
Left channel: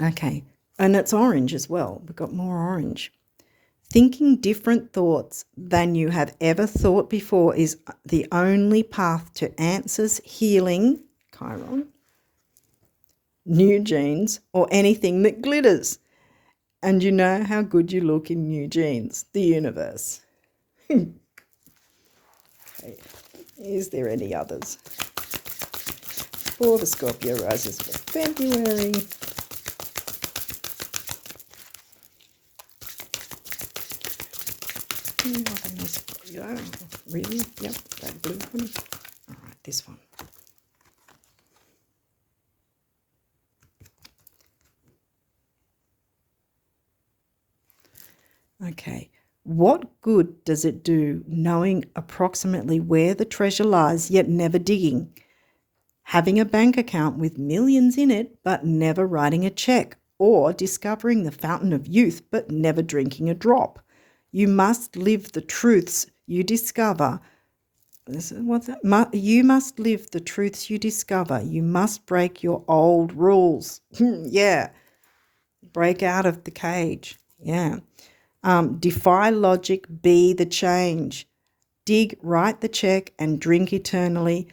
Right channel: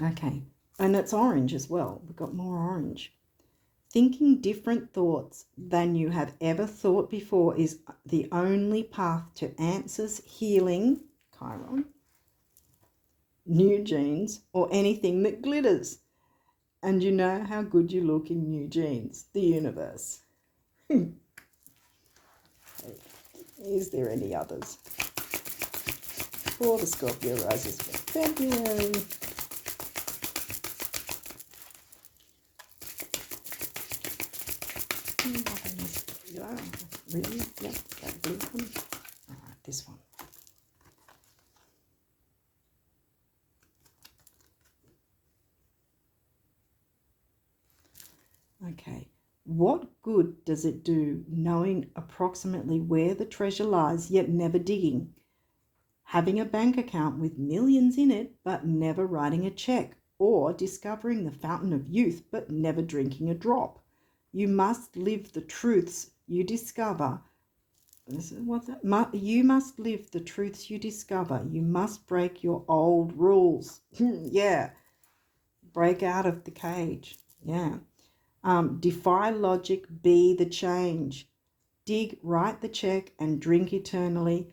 Okay, and it's orange as well. We've got more orange. Thinking different thoughts than you have ever thought before is the only path to answers, healing, Chiron, new jeans, or anything that glitters. And you know how good you look in new jeans, the universe. Okay. Is there any others for the Scorpio risers for February? Yeah, really? Yep, that blue one. All right, this one. Okay. What good does it do knowing approximately where the treasure lies, yet never digging? Having a bank account with millions in it, but never writing a check, or discovering the fountain of youth, but never drinking a drop. You must live the truths you discover. You must live the truths you discover. You must break your old rules. Yeah. Break out of the cage. Yeah. Defy logic, be the change. Dig, write the check, and drink eternally,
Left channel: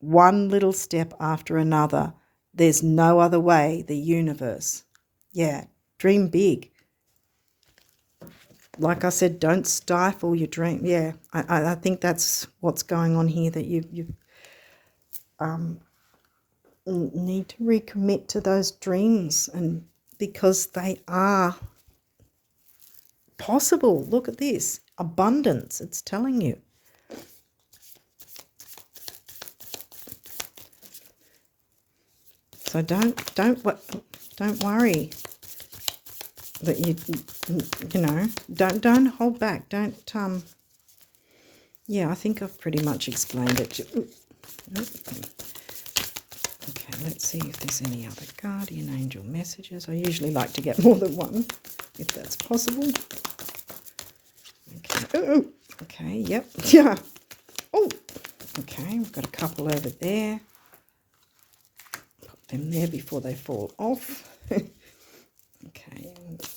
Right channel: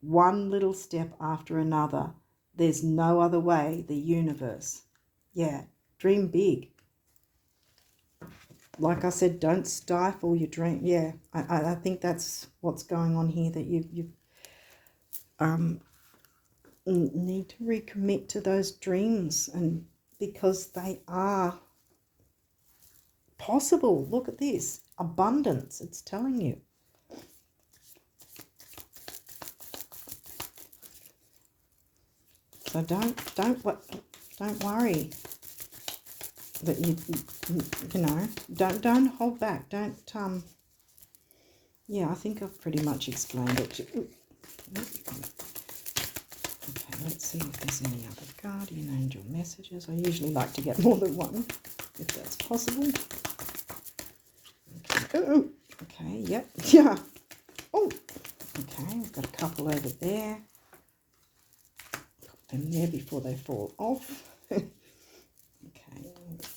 one little step after another. There's no other way, the universe. Yeah, dream big. Like I said, don't stifle your dream. Yeah, I think that's what's going on here, that you need to recommit to those dreams, and because they are possible. Look at this. Abundance, it's telling you. So don't worry that don't hold back. Don't yeah, I think I've pretty much explained it. Okay, let's see if there's any other guardian angel messages. I usually like to get more than one, if that's possible. Okay. Okay, yep. Yeah. Oh, okay, we've got a couple over there. Put them there before they fall off. Okay,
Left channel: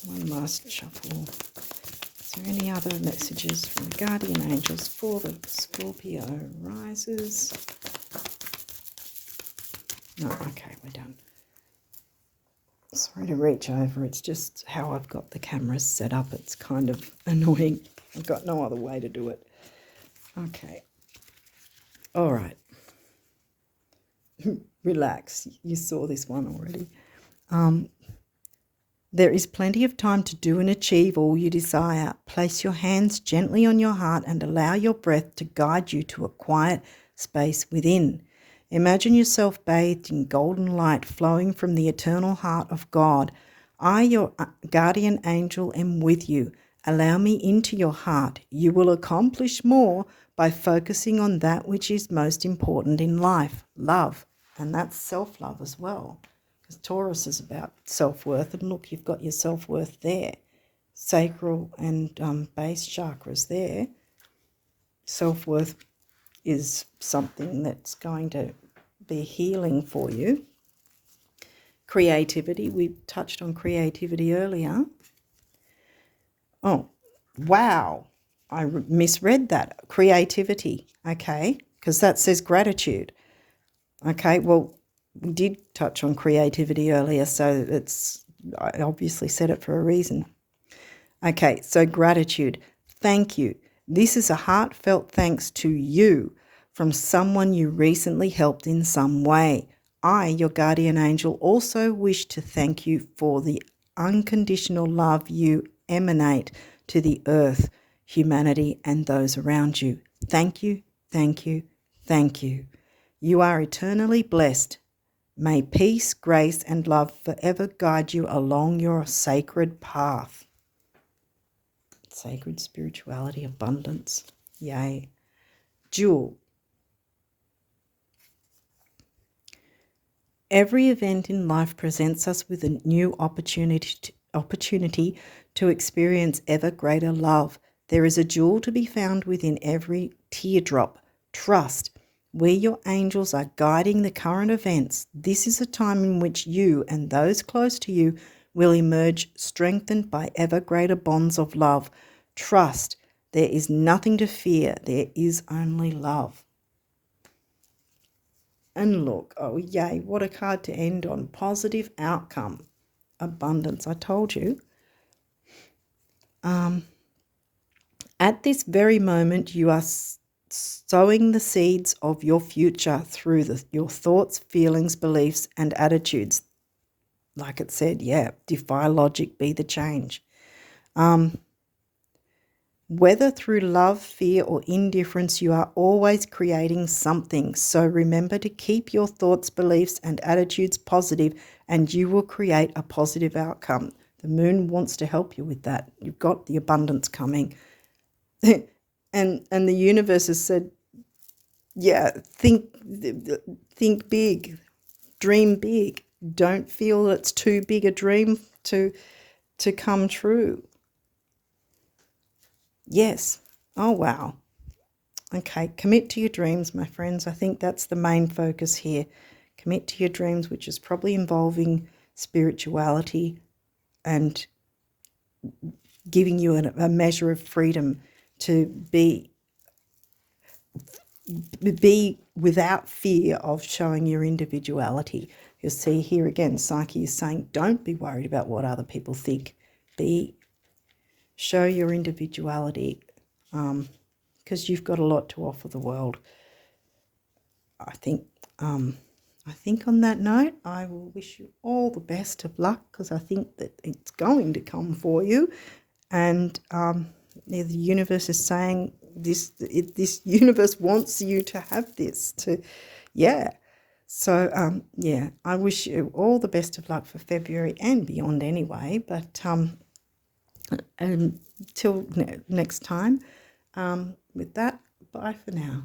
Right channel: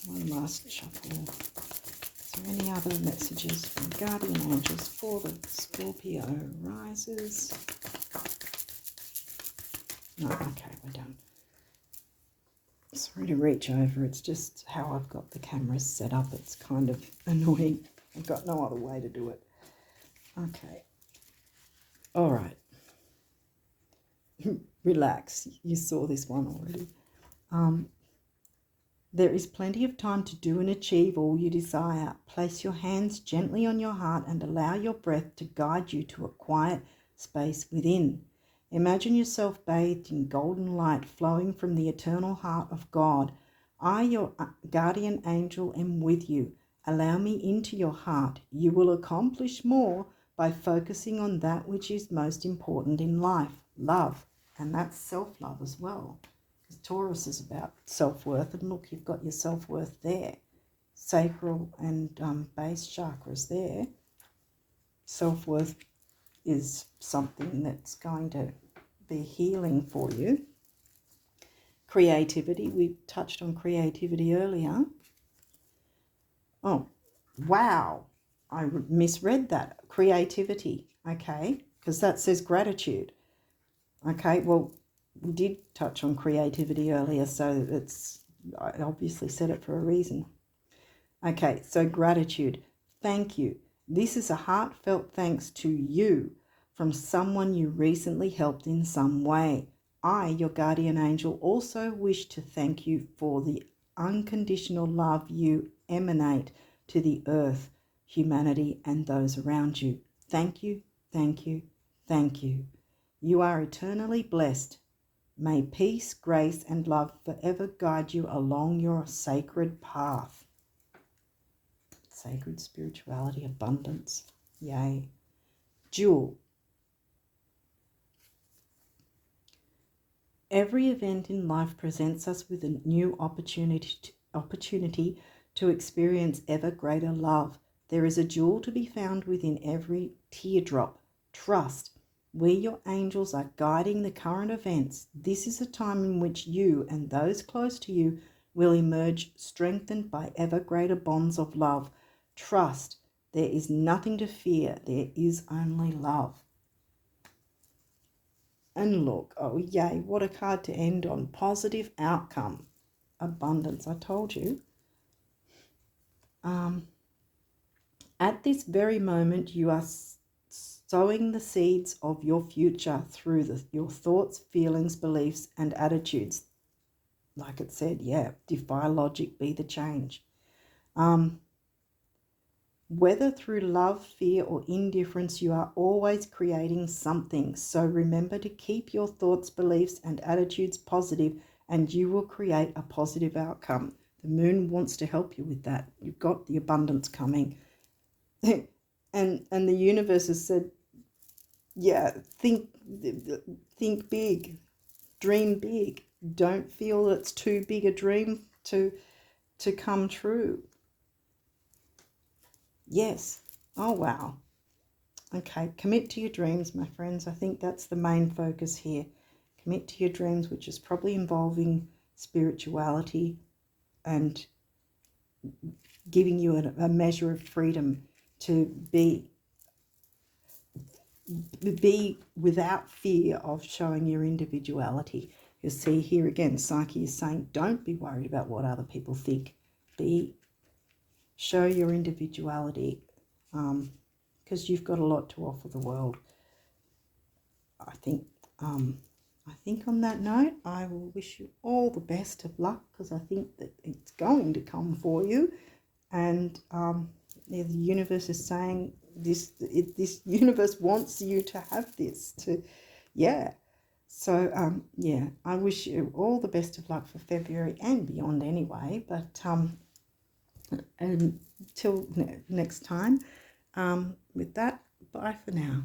one last shuffle. Is there any other messages from the guardian angels for the Scorpio risers? No, okay, we're done. Sorry to reach over. It's just how I've got the cameras set up. It's kind of annoying. I've got no other way to do it. Okay. All right. Relax. You saw this one already. There is plenty of time to do and achieve all you desire. Place your hands gently on your heart and allow your breath to guide you to a quiet space within. Imagine yourself bathed in golden light flowing from the eternal heart of God. I, your guardian angel, am with you. Allow me into your heart. You will accomplish more by focusing on that which is most important in life, love. And that's self-love as well. Because Taurus is about self-worth. And look, you've got your self-worth there. Sacral and base chakras there. Self-worth is something that's going to be healing for you. Creativity, we touched on creativity earlier. Oh, wow, I misread that. Creativity, okay, because that says gratitude. Okay, well, we did touch on creativity earlier, so I obviously said it for a reason. Okay, so gratitude, thank you. This is a heartfelt thanks to you from someone you recently helped in some way. I, your guardian angel, also wish to thank you for the unconditional love you emanate to the earth, humanity, and those around you. Thank you, thank you, thank you. You are eternally blessed. May peace, grace, and love forever guide you along your sacred path. Sacred spirituality, abundance. Yay. Jewel. Every event in life presents us with a new opportunity opportunity to experience ever greater love. There is a jewel to be found within every teardrop. Trust. Where your angels are guiding the current events, this is a time in which you and those close to you will emerge strengthened by ever greater bonds of love. Trust. There is nothing to fear. There is only love. And look, oh yay, what a card to end on. Positive outcome. Abundance, I told you. At this very moment, you are sowing the seeds of your future through your thoughts, feelings, beliefs, and attitudes. Like it said, yeah, defy logic, be the change. Whether through love, fear, or indifference, you are always creating something. So remember to keep your thoughts, beliefs, and attitudes positive, and you will create a positive outcome. The moon wants to help you with that. You've got the abundance coming. and the universe has said, yeah, think big, dream big. Don't feel it's too big a dream to come true. Yes. Oh, wow. Okay, commit to your dreams, my friends. I think that's the main focus here. Commit to your dreams, which is probably involving spirituality and giving you a measure of freedom to be without fear of showing your individuality. You'll see here again, Psyche is saying, don't be worried about what other people think. Show your individuality, because you've got a lot to offer the world. I think on that note, I will wish you all the best of luck, because I think that it's going to come for you. And the universe is saying this universe wants you to have this, So, I wish you all the best of luck for February and beyond anyway. But until next time, with that, bye for now.